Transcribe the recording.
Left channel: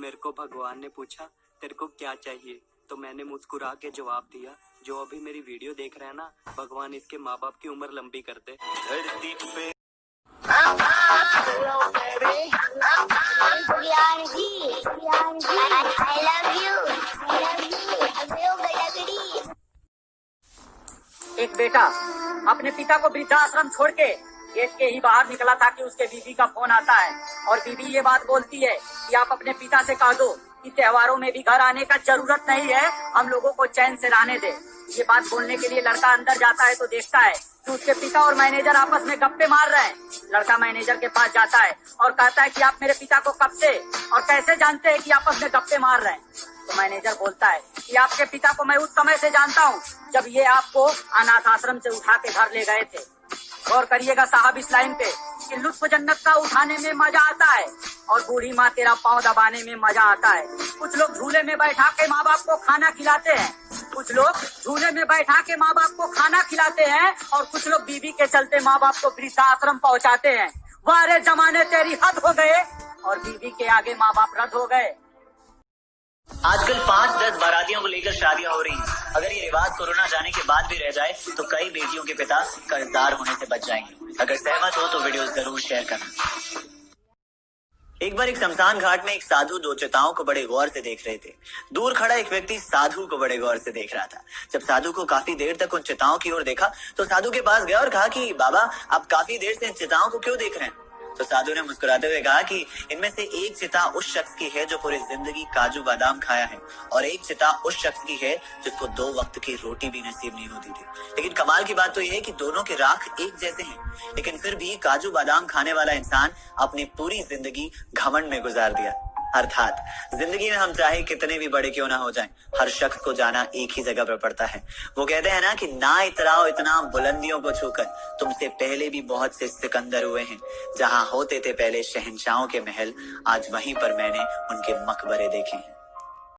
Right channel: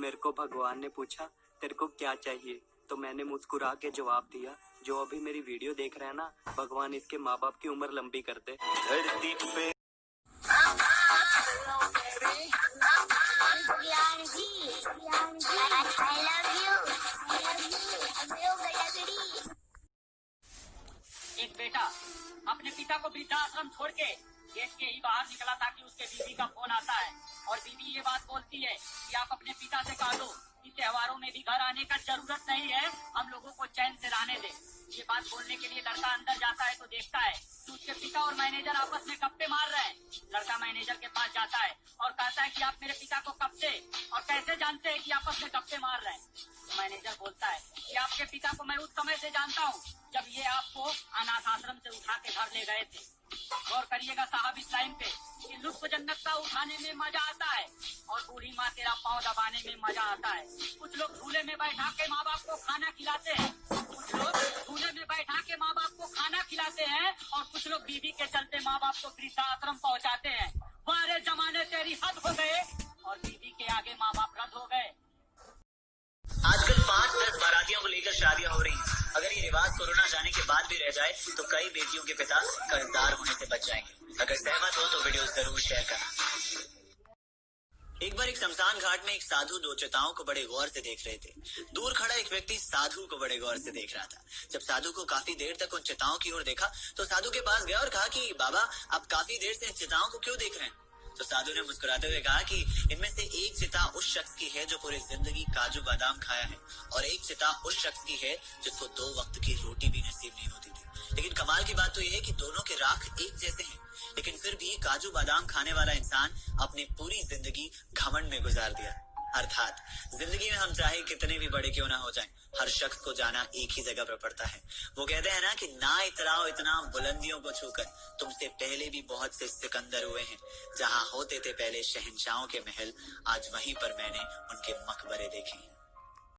मेरे को भगवान ने पूछा तेरे को क्या चाहिए, तो मैंने मुस्कुरा के जवाब दिया, जो अभी मेरी वीडियो देख रहे हैं ना, भगवान इसके माँ बाप की उम्र लंबी कर दे। एक बेटा अपने पिता को वृद्धाश्रम छोड़ के गेट के ही बाहर निकला था कि उसके बीवी का फोन आता है और बीवी ये बात बोलती है कि आप अपने पिता से कह दो कि त्योहारों में भी घर आने का जरूरत नहीं है, हम लोगों को चैन से रहने दे। ये बात बोलने के लिए लड़का अंदर जाता है तो देखता है कि उसके पिता और मैनेजर आपस में गप्पे मार रहे हैं। लड़का मैनेजर के पास जाता है और कहता है कि आप मेरे पिता को कब से और कैसे जानते हैं कि आपस में गप्पे मार रहे हैं। तो मैनेजर बोलता है कि आपके पिता को मैं उस समय से जानता हूँ जब ये आपको अनाथ आश्रम से उठा के घर ले गए थे। गौर करिएगा साहब इस लाइन पे कि लुत्फ जन्नत का उठाने में मजा आता है और बूढ़ी माँ तेरा पाँव दबाने में मजा आता है। कुछ लोग झूले में बैठा के माँ बाप को खाना खिलाते हैं, कुछ लोग झूले में बैठा के माँ बाप को खाना खिलाते हैं और कुछ लोग बीवी के चलते माँ बाप को वृद्धाश्रम पहुँचाते हैं। वारे जमाने तेरी हद हो गए और बीवी के आगे माँ बाप रद्द हो गए। आजकल 5-10 बारातियों को लेकर शादियां हो रही हैं। अगर ये रिवाज कोरोना जाने के बाद भी रह जाए तो कई बेटियों के पिता कर्जदार होने से बच जाएंगे। अगर सहमत हो तो वीडियो जरूर शेयर करना। एक बार एक शमशान घाट में एक साधु दो चिताओं को बड़े गौर से देख रहे थे। दूर खड़ा एक व्यक्ति साधु को बड़े गौर से देख रहा था। जब साधु को काफी देर तक उन चिताओं की ओर देखा तो साधु के पास गया और कहा कि बाबा आप काफी देर से इन चिताओं को क्यों देख रहे हैं? तो साधु ने मुस्कुराते हुए कहा कि इनमें से एक चिता उस शख्स की है जो पूरी जिंदगी काजू बादाम खाया है और एक चिता उस शख्स की है जिसको 2 वक्त की रोटी भी नसीब नहीं होती थी। लेकिन कमाल की बात तो यह है कि दोनों के राख एक जैसे हैं, लेकिन फिर भी काजू बादाम खाने वाला इंसान अपनी पूरी जिंदगी घमंड में गुजार दिया। अर्थात जिंदगी में हम चाहे कितने भी बड़े क्यों ना हो जाएं, हर शख्स को जाना एक ही जगह पर पड़ता है। वो कहते हैं ना कि ना इतराओ इतना बुलंदियों को छूकर, तुमसे पहले भी बहुत से सिकंदर हुए हैं। जहां होते थे पहले शहंशाहों के महल, आज वहीं पर मैंने उनके मकबरे देखे हैं।